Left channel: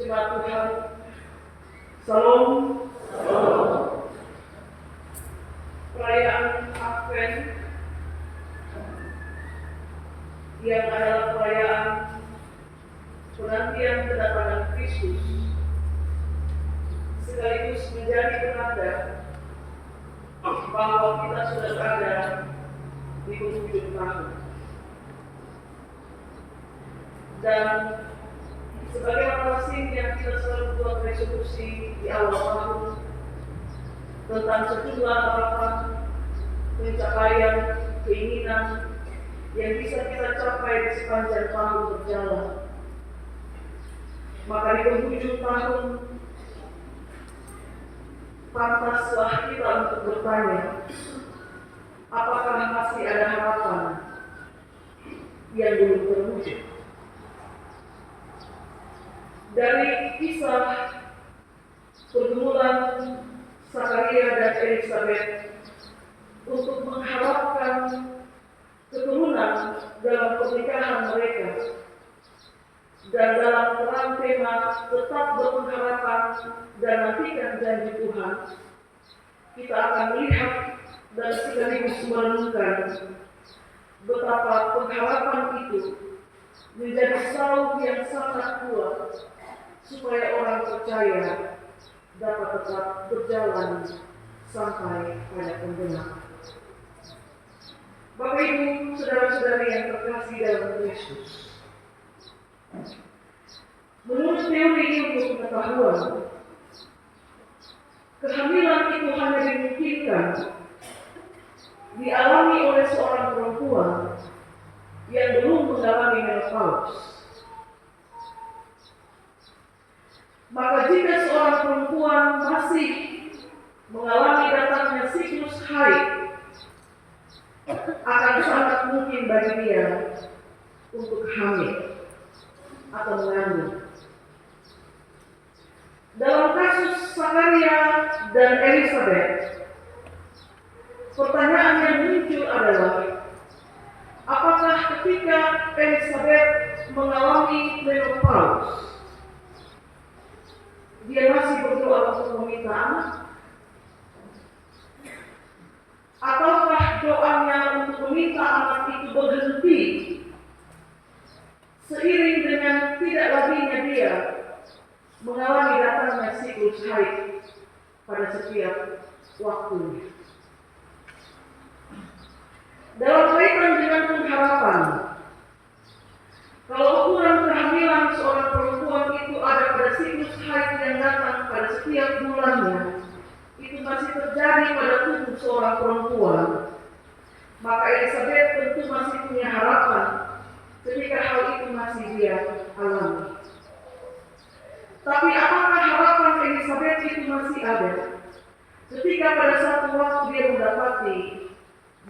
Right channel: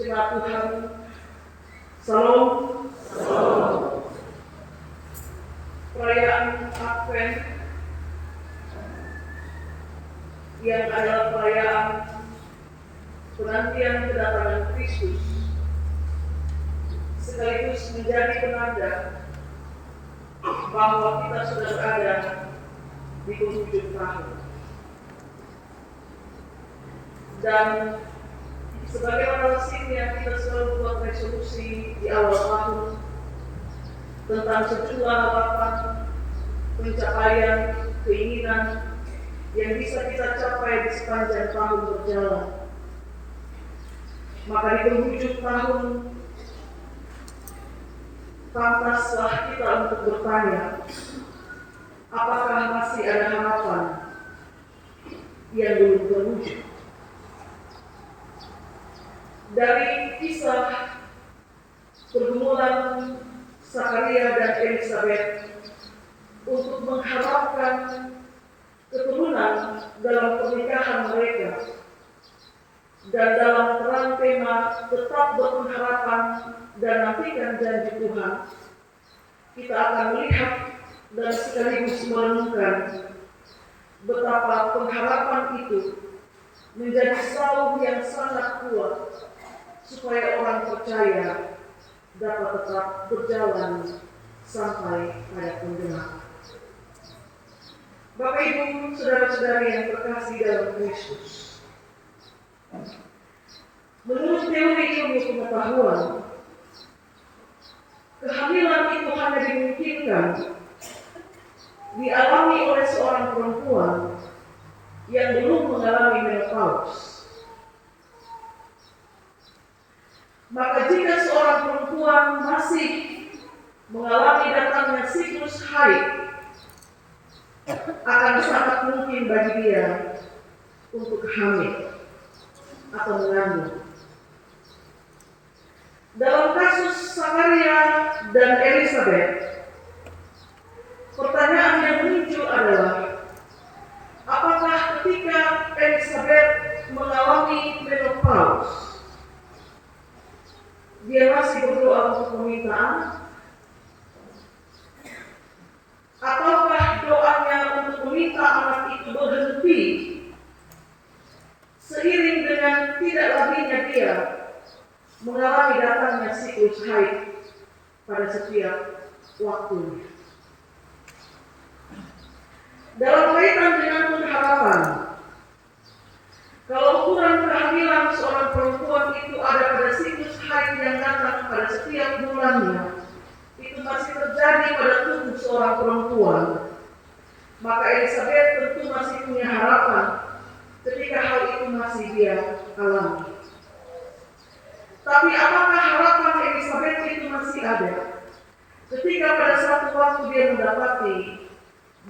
Jemaat Tuhan, Salam. Perayaan Advent yang adalah perayaan penantian kedatangan Kristus sekaligus menjadi penanda bahwa kita sudah berada di penghujung tahun. Dan sebagaimana lazimnya kita selalu buat resolusi di awal tahun tentang sejumlah harapan, pencapaian, keinginan yang bisa kita capai di sepanjang tahun berjalan. Maka di penghujung tahun, pantaslah kita untuk bertanya, apakah masih ada harapan yang belum terwujud? Dari kisah pergumulan Zakaria dan Elisabeth untuk mengharapkan keturunan dalam pernikahan mereka, dan dalam terang tema tetap berpengharapan dan nantikan janji Tuhan, kita akan melihat dan sekaligus merenungkan betapa pengharapan itu menjadi salib yang sangat kuat supaya orang percaya dapat tetap berjalan sampai pada penggenapan. Bapak Ibu, saudara-saudari yang terkasih dalam Kristus, menurut teori ilmu pengetahuan, kehamilan itu hanya dimungkinkan dialami oleh seorang perempuan yang belum mengalami menopause. Maka jika seorang perempuan masih mengalami datangnya siklus haid, akan sangat mungkin bagi dia untuk hamil atau mengandung. Dalam kasus Zakaria dan Elisabeth, pertanyaan yang muncul adalah, apakah ketika Elisabeth mengalami menopause, dia masih berdoa untuk meminta anak? Ataukah doanya untuk meminta anak itu berhenti seiring dengan tidak laginya dia mengalami datangnya siklus haid pada setiap waktunya? Dalam kaitan dengan pengharapan, kalau ukuran kehamilan seorang perempuan itu ada pada siklus haid yang datang pada setiap bulannya, itu masih terjadi pada tubuh seorang perempuan, maka Elisabeth tentu masih punya harapan ketika hal itu masih dia alami. Tapi apakah harapan Elisabeth itu masih ada ketika pada satu waktu dia mendapati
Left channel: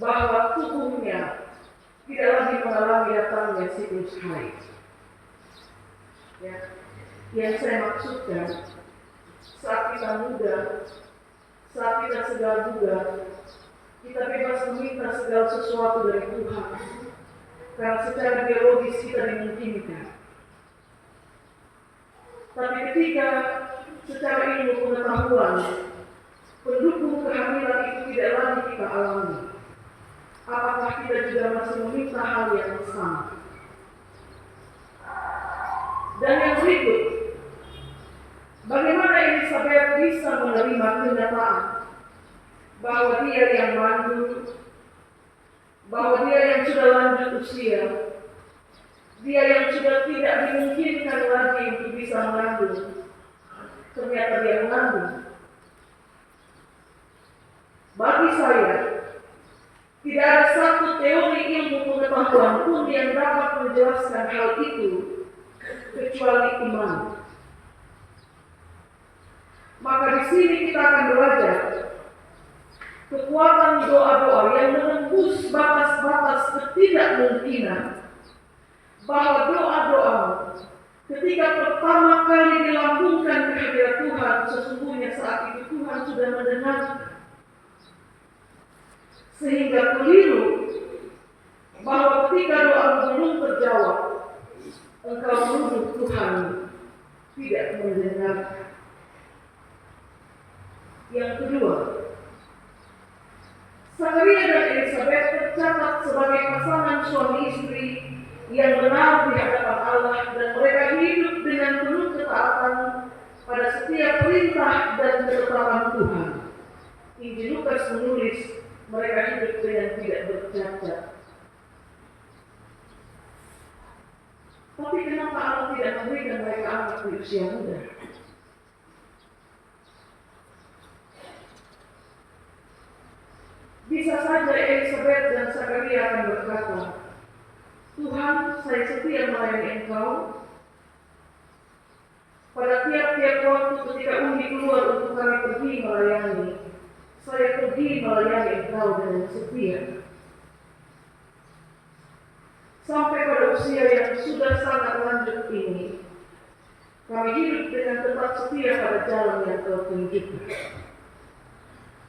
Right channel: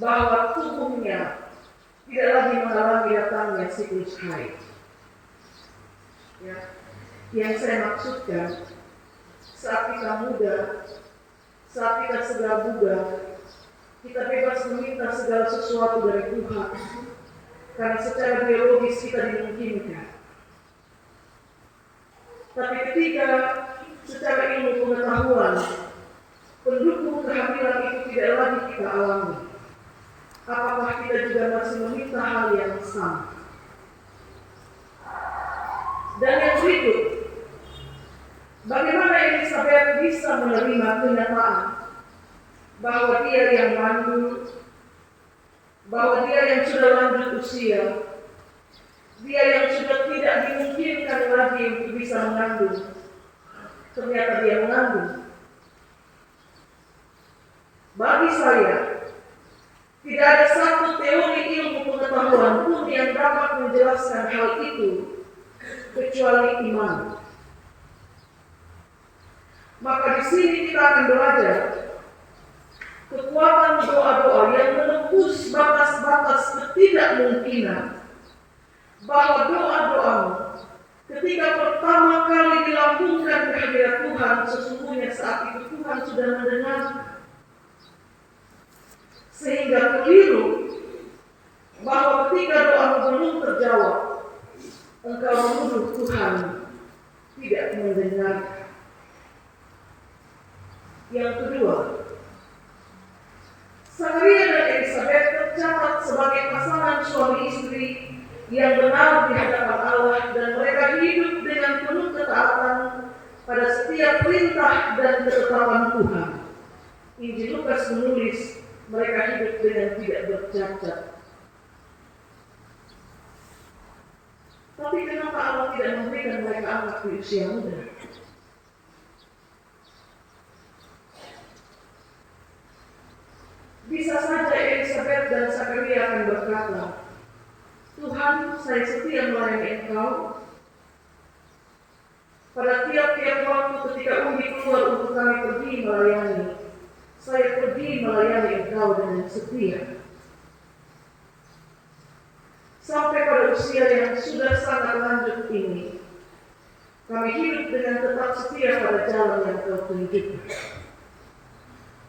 bahwa tubuhnya tidak lagi mengalami datangnya siklus haid? Ya, yang saya maksudkan, saat kita muda, saat kita segala bugar, kita bebas meminta segala sesuatu dari Tuhan, karena secara biologis kita dimungkinkan. Tapi ketika secara ilmu pengetahuan pendukung kehamilan itu tidak lagi kita alami, apakah kita juga masih meminta hal yang sama? Dan yang berikut, bagaimana Elisabeth bisa menerima kenyataan bahwa dia yang mandul, bahwa dia yang sudah lanjut usia, dia yang sudah tidak dimungkinkan lagi untuk bisa mengandung, ternyata dia mengandung? Bagi saya, tidak ada satu teori ilmu pengetahuan pun yang dapat menjelaskan hal itu kecuali iman. Maka di sini kita akan belajar kekuatan doa-doa yang menembus batas-batas ketidakmungkinan, bahwa doa-doamu ketika pertama kali dilambungkan ke hadirat Tuhan, sesungguhnya saat itu Tuhan sudah mendengar. Sehingga keliru bahwa ketika doa belum terjawab, engkau menuduh Tuhan tidak mendengar. Yang kedua, Zakaria dan Elisabet tercatat sebagai pasangan suami istri yang benar di hadapan Allah, dan mereka hidup dengan penuh ketaatan pada setiap perintah dan ketetapan Tuhan. Injil Lukas menulis mereka hidup dengan tidak bercacat. Tapi kenapa Allah tidak memberikan mereka anak di usia muda? Bisa saja Elisabet dan Zakaria akan berkata, Tuhan, saya setia melayani Engkau. Pada tiap-tiap waktu ketika Umi keluar untuk kami pergi melayani, saya pergi melayani Engkau dengan setia. Sampai pada usia yang sudah sangat lanjut ini, kami hidup dengan tetap setia pada jalan yang Kau tunjukkan.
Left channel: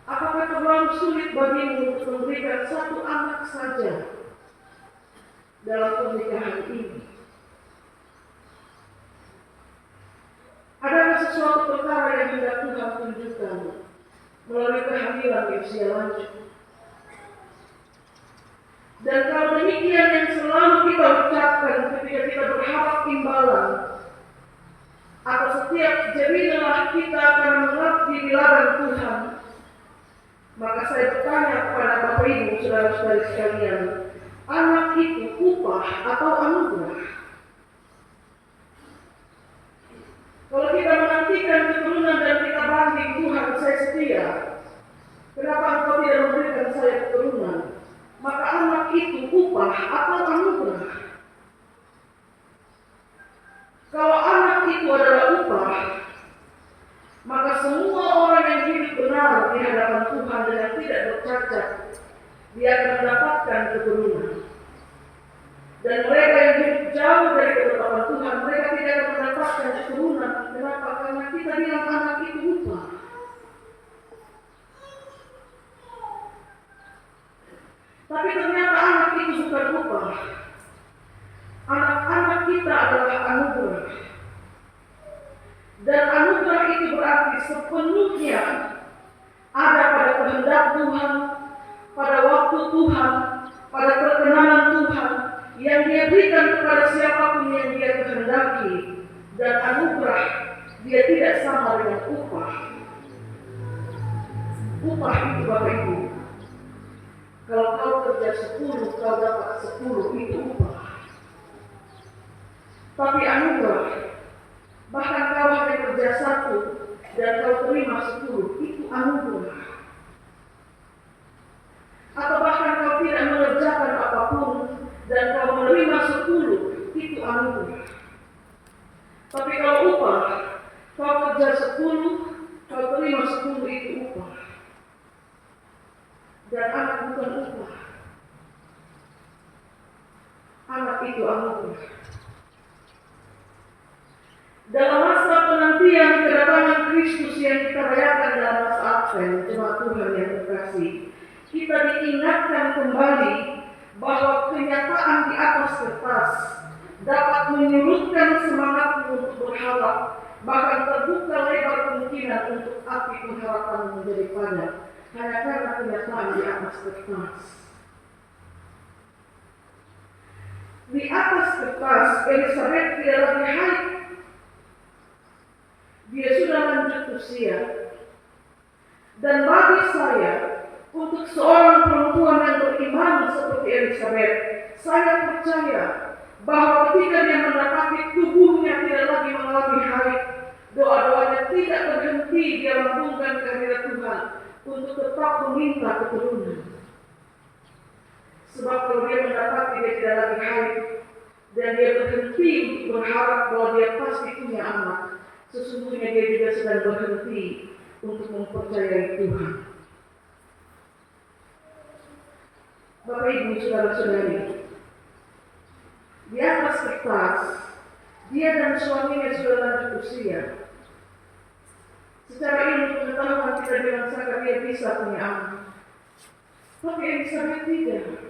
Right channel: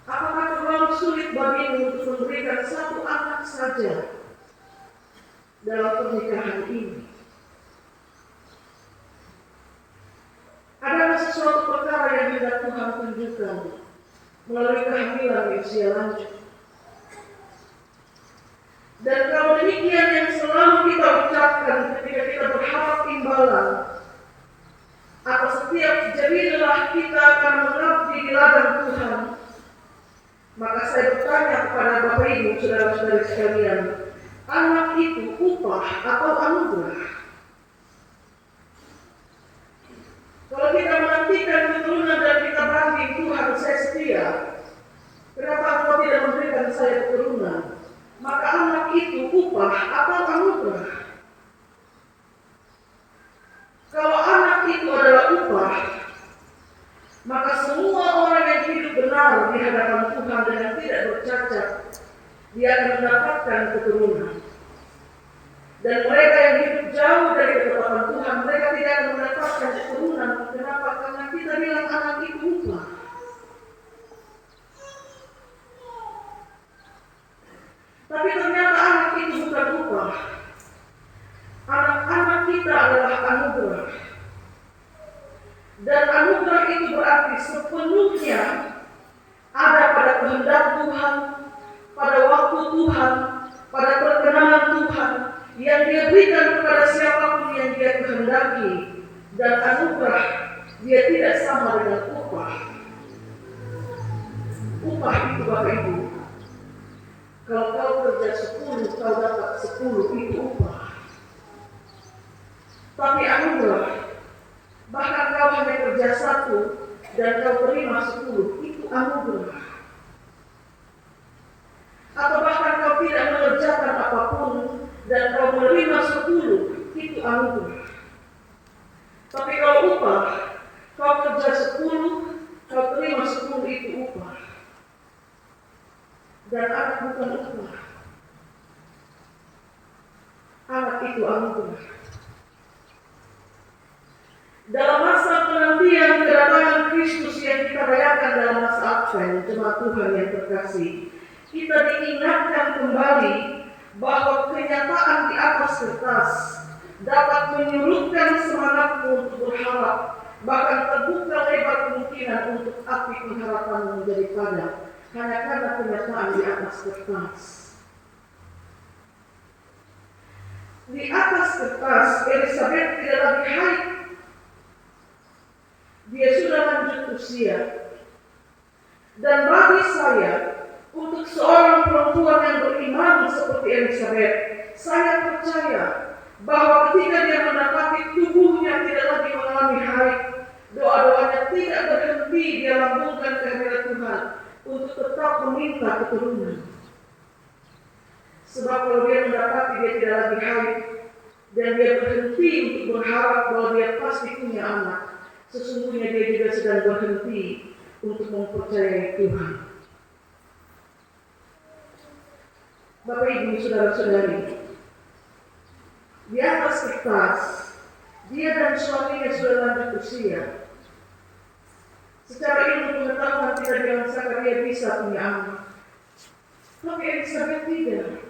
Apakah terlalu sulit bagimu untuk memberikan satu anak saja dalam pernikahan ini? Adakah sesuatu perkara yang hendak Tuhan tunjukkan melalui kehamilan di usia lanjut? Dan kalau demikian yang selalu kita ucapkan ketika kita berharap imbalan atas setiap jerih lelah kita akan mengabdi di ladang Tuhan, maka saya bertanya kepada Bapak Ibu, saudara-saudari sekalian, anak itu upah atau anugerah? Kalau kita menantikan keturunan dan kita banding, Tuhan saya setia, kenapa Engkau tidak memberikan saya keturunan? Maka anak itu upah atau anugerah? Kalau anak itu adalah upah, maka semua orang yang hidup benar di hadapan Tuhan dengan tidak bercacat, dia akan mendapatkan keturunan. Dan mereka yang hidup jauh dari ketetapan Tuhan, mereka tidak akan mendapatkan keturunan. Kenapa? Karena kita bilang anak itu upah. Tapi ternyata anak itu bukan upah. Anak-anak kita adalah anugerah. Dan anugerah itu berarti sepenuhnya ada pada kehendak Tuhan, pada waktu Tuhan, pada perkenanan Tuhan yang Dia berikan kepada siapapun yang Dia kehendaki. Dan anugerah dia tidak sama dengan upah. Upah itu Bapak Ibu, kalau kau kerja 10, kau dapat 10, itu upah. Tapi anugerah, bahkan kau hanya kerja 1 dan kau terima 10, itu anugerah. Atau bahkan kau tidak mengerjakan apapun dan kau menerima 10, itu anugerah. Tapi kalau upah, kau kerja 10, kau terima 10, itu upah. Dan anak bukan upah. Anak itu anugerah. Dalam masa penantian kedatangan Kristus yang kita rayakan dalam masa Advent, jemaat Tuhan yang terkasih, kita diingatkan kembali bahwa kenyataan di atas kertas dapat menyurutkan semangatmu untuk berharap, bahkan terbuka lebar kemungkinan untuk api pengharapan menjadi padam hanya karena kenyataan di atas kertas. Di atas kertas, Elisabet tidak lagi haid. Dia sudah lanjut usia. Dan bagi saya, untuk seorang perempuan yang beriman seperti Elisabet, saya percaya bahwa ketika dia mendapati tubuhnya tidak lagi mengalami haid, doa-doanya tidak berhenti dia lambungkan kehadirat Tuhan untuk tetap meminta keturunan. Sebab kalau dia mendapati dia tidak lagi haid dan dia berhenti untuk berharap bahwa dia pasti punya anak, sesungguhnya dia juga sedang berhenti untuk mempercayai Tuhan. Bapak Ibu saudara-saudari, di atas kertas dia dan suaminya sudah lanjut usia. Secara ilmu pengetahuan kita bilang Zakaria bisa punya anak, tapi Elisabet tidak.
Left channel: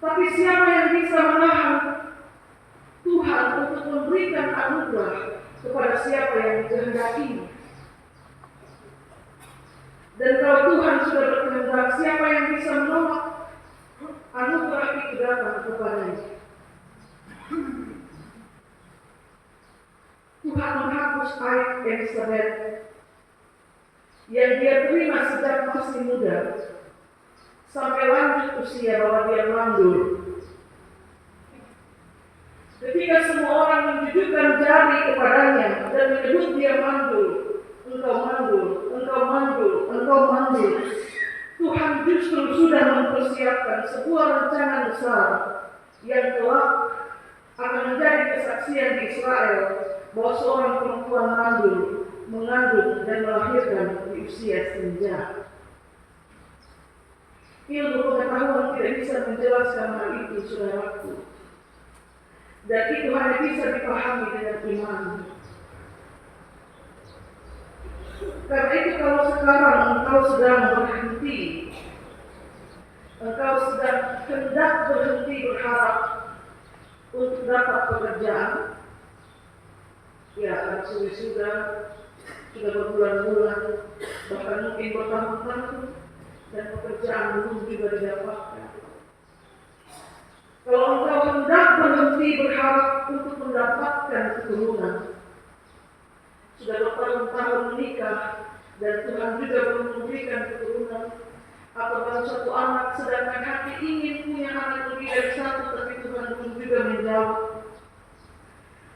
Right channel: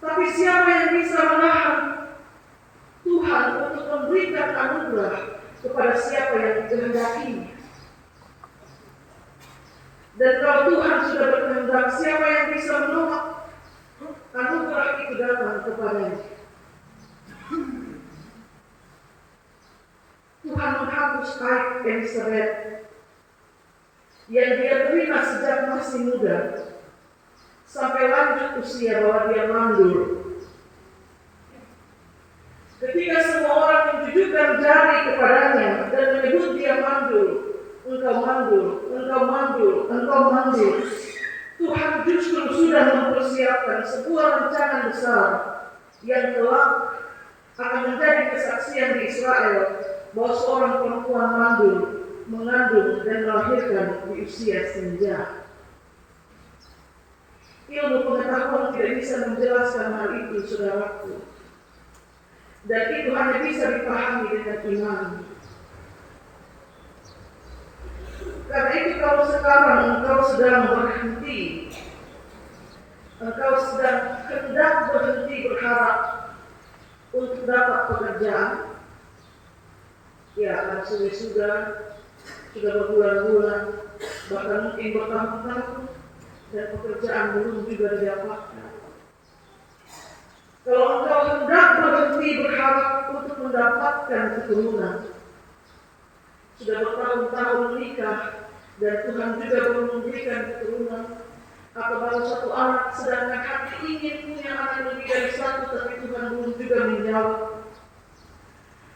Tapi siapa yang bisa menahan Tuhan untuk memberikan anugerah kepada siapa yang dikehendakinya. Dan kalau Tuhan sudah berkehendak, siapa yang bisa menolak anugerah itu datang kepadanya? Tuhan menghapus aib Elizabeth yang dia terima sejak masih muda sampai lanjut usia bahwa dia mandul. Ketika semua orang menjujukkan jari kepadanya dan menyebut dia mandul, engkau mandul, engkau mandul, engkau mandul, Tuhan justru sudah mempersiapkan sebuah rencana besar yang kelak akan menjadi kesaksian di Israel bahwa seorang perempuan mandul mengandung dan melahirkan di usia senja. Ilmu pengetahuan tidak bisa menjelaskan hal itu, saudaraku. Dan itu hanya bisa dipahami dengan iman. Karena itu kalau sekarang engkau sedang berhenti, engkau sedang hendak berhenti berharap untuk dapat pekerjaan, ya artinya sudah berbulan-bulan, bahkan mungkin bertahun-tahun, dan pekerjaan belum juga didapatkan. Kalau engkau hendak berhenti berharap untuk mendapatkan keturunan, sudah bertahun-tahun menikah dan Tuhan juga belum memberikan keturunan, atau baru satu anak sedangkan hati ingin punya anak lebih dari satu tapi Tuhan belum juga menjawab.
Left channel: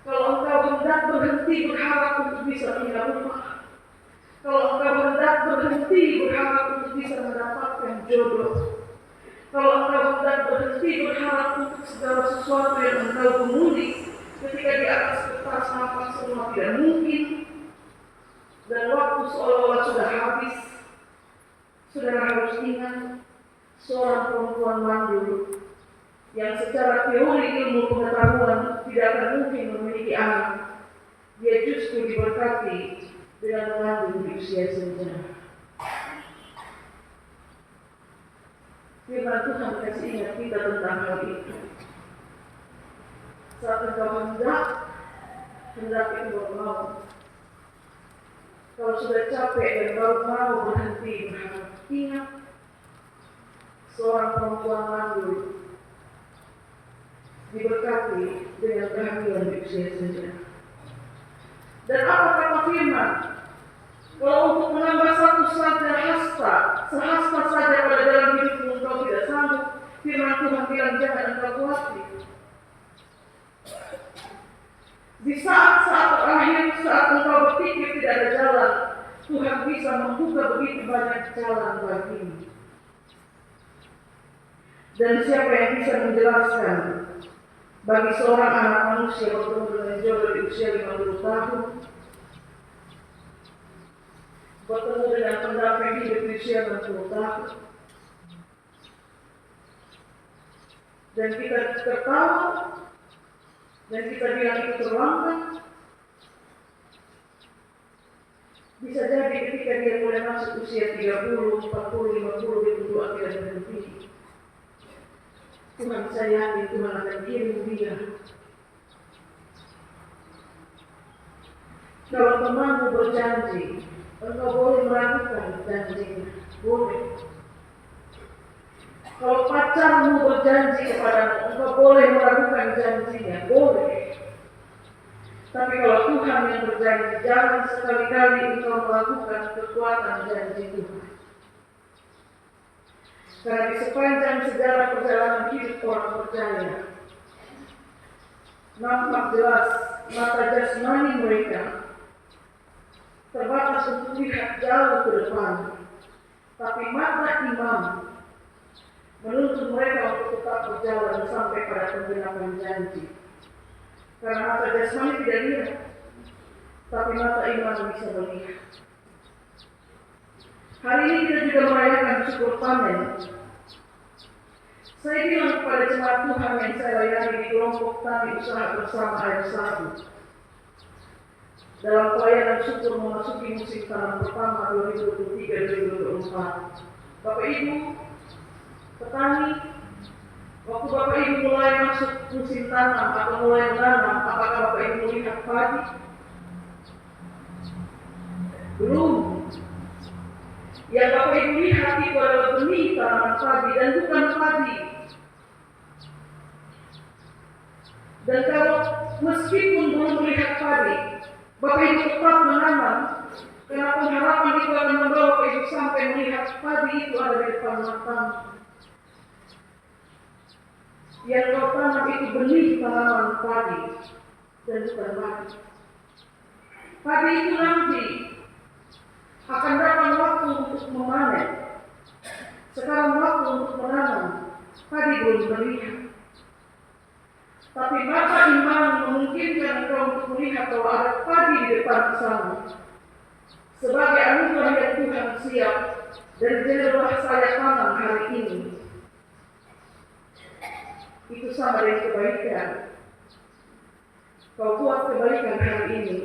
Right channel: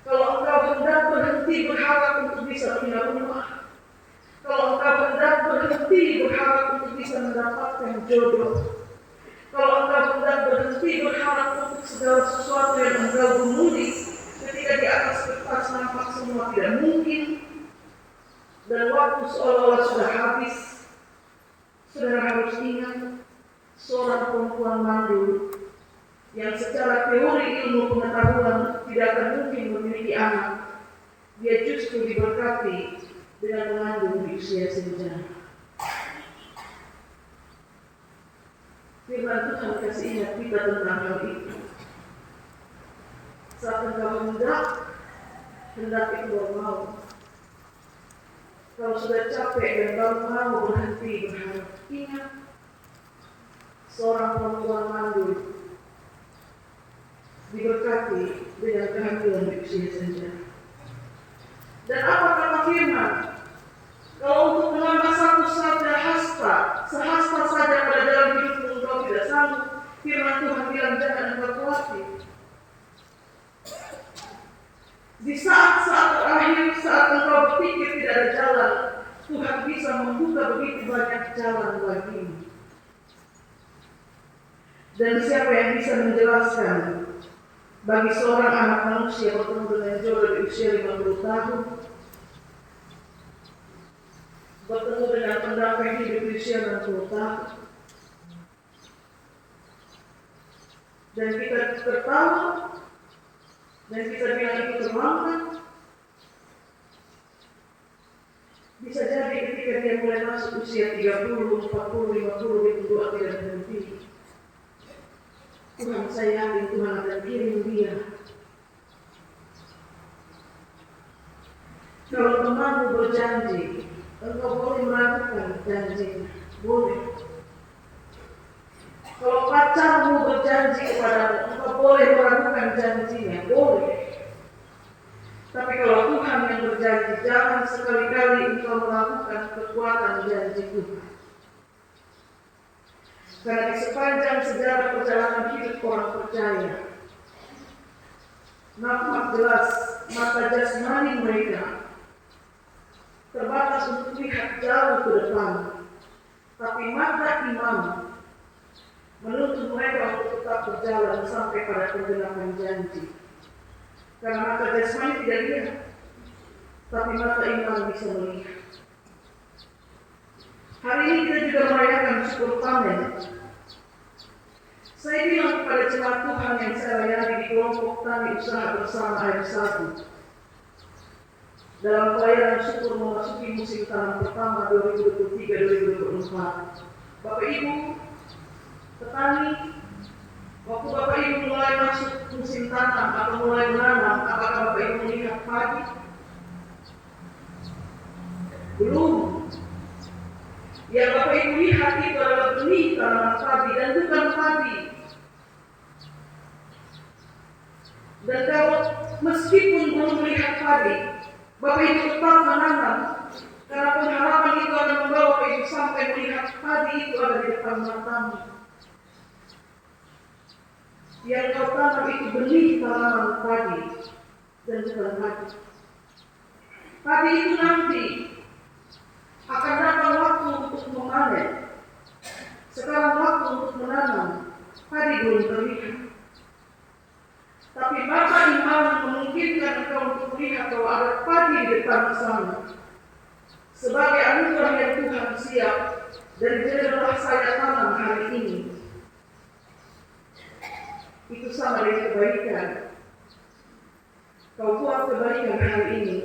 Kalau engkau hendak berhenti berharap untuk bisa pindah rumah, kalau engkau hendak berhenti berharap untuk bisa mendapatkan jodoh, kalau engkau hendak berhenti berharap untuk segala sesuatu yang engkau gumuli ketika di atas kertas nampak semua tidak mungkin, dan waktu seolah-olah sudah habis, saudara harus ingat seorang perempuan mandul yang secara teori ilmu pengetahuan tidak akan mungkin memiliki anak, dia justru diberkati dengan mengandung di usia senja. Firman Tuhan kasih ingat kita tentang hal itu. Saat engkau hendak itu baru mau. Kalau sudah capek dan baru mau berhenti berharap, ingat seorang perempuan mandul diberkati dengan kehamilan di usia senja. Dan apa kata firman? Kalau untuk menambah satu saja sehasta saja pada dalam hidupmu engkau tidak sanggup, firman Tuhan bilang jangan engkau khawatir. Di saat-saat terakhir, saat engkau berpikir tidak ada jalan, Tuhan bisa membuka begitu banyak jalan bagimu. Dan siapa yang bisa menjelaskan bagi seorang anak manusia bertemu dengan jodoh di usia 50 tahun, bertemu dengan pendamping hidup di usia 60 tahun, dan kita tertawa dan kita bilang itu terlambat. Bisa jadi ketika dia mulai masuk usia 30, 40, 50 itu doa tidak berhenti. Tuhan, saya yakin Tuhan akan kirim dia. Kalau temanmu berjanji, engkau boleh melakukan janjinya, boleh. Kalau pacarmu berjanji kepadamu, engkau boleh melakukan janjinya, boleh. Tapi kalau Tuhan yang berjanji, jangan sekali-kali engkau melakukan kekuatan janji Tuhan. Karena di sepanjang sejarah perjalanan hidup orang percaya, nampak jelas mata jasmani mereka terbatas untuk lihat jauh ke depan, tapi mata iman menuntut mereka untuk tetap berjalan sampai pada penggenapan janji. Karena mata jasmani tidak lihat, tapi mata iman bisa melihat. Hari ini kita juga merayakan syukur panen. Saya bilang kepada jemaat Tuhan yang saya layani di kelompok tani usaha bersama air 1. Dalam pelayanan syukur memasuki musim tanam pertama 2023-2024. Bapak Ibu, petani, Waktu Bapak Ibu mulai masuk musim tanam atau mulai menanam, apakah Bapak Ibu melihat padi? Belum. Yang Bapak Ibu lihat itu adalah benih tanaman padi dan bukan padi. Dan kalau meskipun belum melihat padi, Bapak Ibu tetap menanam, karena pengharapan itu akan membawa Bapak Ibu sampai melihat padi itu ada di depan matamu. Yang kau tanam itu benih tanaman padi dan bukan padi. Padi itu nanti akan datang waktu untuk memanen. Sekarang waktu untuk menanam, padi belum terlihat. Tapi mata iman memungkinkan engkau untuk melihat bahwa ada padi di depan sana. Sebagai anugerah yang Tuhan siap dan jadilah saya tanam hari ini. Itu sama dengan kebaikan. Kau buat kebaikan hari ini.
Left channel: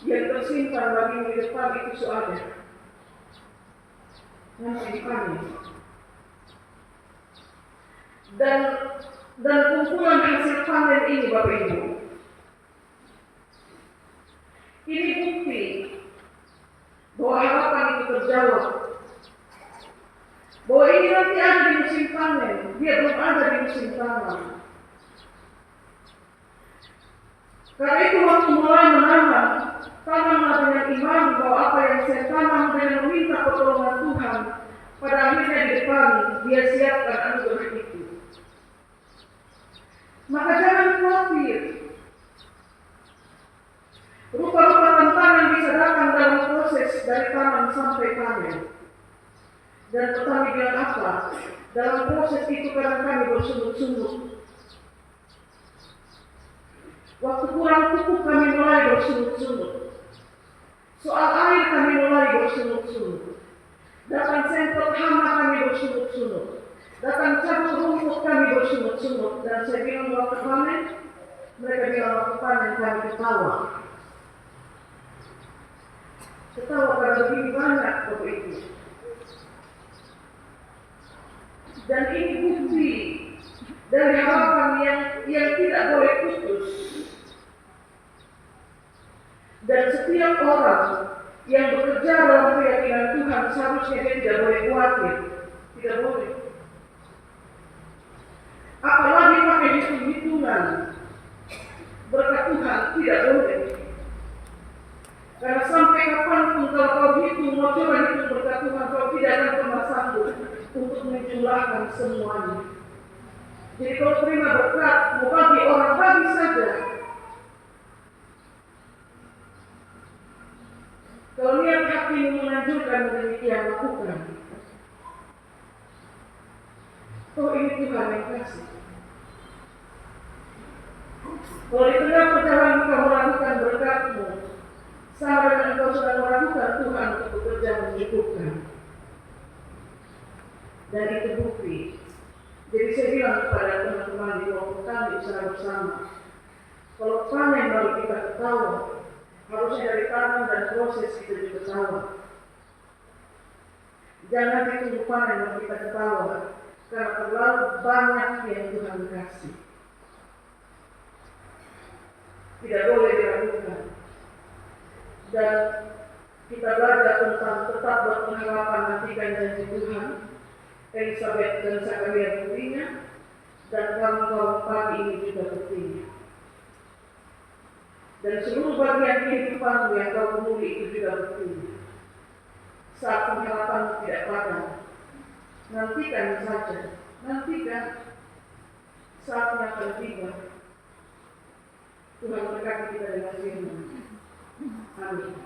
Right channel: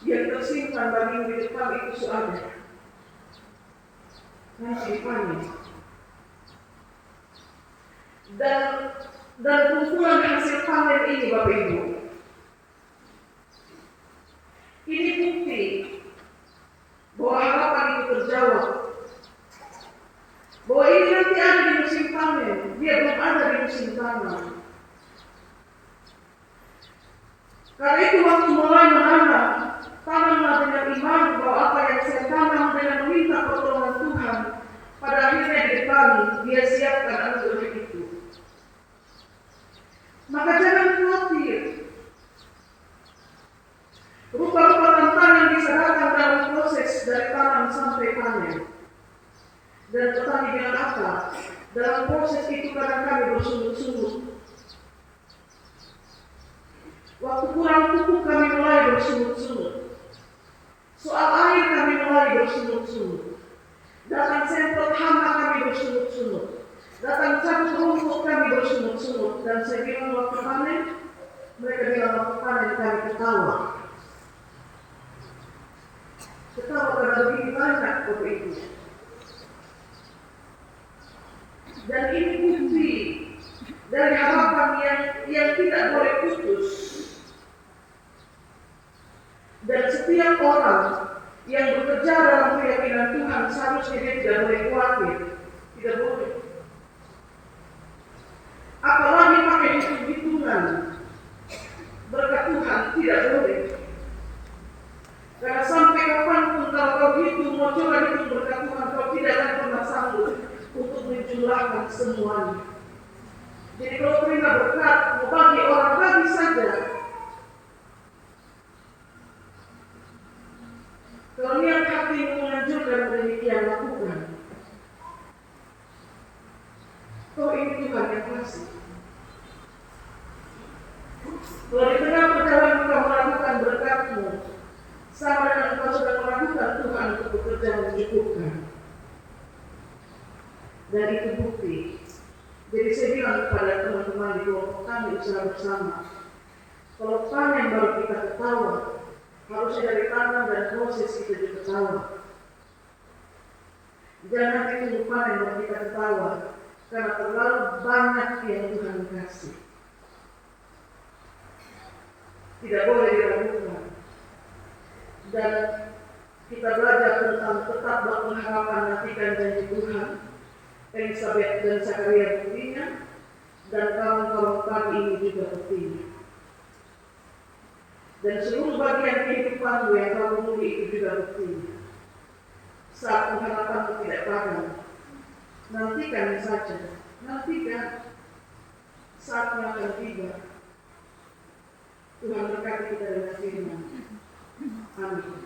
Yang tersimpan bagimu di depan itu sudah ada. Nanti dipanen. Dan kumpulan hasil panen ini Bapak Ibu, ini bukti bahwa harapan itu terjawab. Bahwa ini nanti ada di musim panen, dia belum ada di musim tanam. Karena itu waktu mulai menanam, tanamlah dengan iman bahwa apa yang saya tanam dengan meminta pertolongan Tuhan, pada akhirnya di depan dia siapkan anugerah itu. Maka jangan khawatir. Rupa-rupa tantangan bisa datang dalam proses dari tanam sampai panen. Dan petani bilang apa? Dalam proses itu kadang kami bersungguh-sungguh. Waktu kurang pupuk kami mulai bersungguh-sungguh. Soal air kami mulai bersungguh-sungguh. Datang semprot hama kami bersungguh-sungguh. Datang cabut rumput kami bersungguh-sungguh. Dan saya bilang waktu panen, mereka bilang waktu panen kami ketawa. Ketawa karena lebih banyak Bapak Ibu. Dan ini bukti dari harapan yang tidak boleh putus. Dan setiap orang yang bekerja dalam keyakinan Tuhan seharusnya dia tidak boleh khawatir. Tidak boleh. Apalagi pakai hitung-hitungan berkat Tuhan, tidak boleh. Karena sampai kapanpun kalau kau hitung, mau coba hitung berkat Tuhan, kau tidak akan pernah sanggup untuk menjumlahkan semuanya. Jadi kalau terima berkat, mau bagi orang, bagi saja. Kalau niat hati menganjurkan demikian, lakukan. Oh, ini Tuhan yang kasih. Kalau di tengah perjalanan kau melakukan berkatmu, sama dengan kau sudah melakukan Tuhan untuk bekerja mencukupkan. Dan itu bukti. Jadi saya bilang kepada teman-teman di kelompok kami usaha bersama, kalau panen baru kita ketawa, harusnya dari tanam dan proses kita juga ketawa. Jangan ditunggu panen baru kita ketawa, karena terlalu banyak yang Tuhan kasih. Tidak boleh diragukan. Dan kita belajar tentang tetap berpengharapan nantikan janji Tuhan. Elizabeth dan Zakaria buktinya, dan kaum pagi ini juga buktinya. Dan seluruh bagian kehidupanmu yang kau temui itu juga buktinya. Saat pengharapanmu tidak padam, nantikan saja, nantikan saatnya akan tiba. Tuhan berkati kita dengan firman. Amin.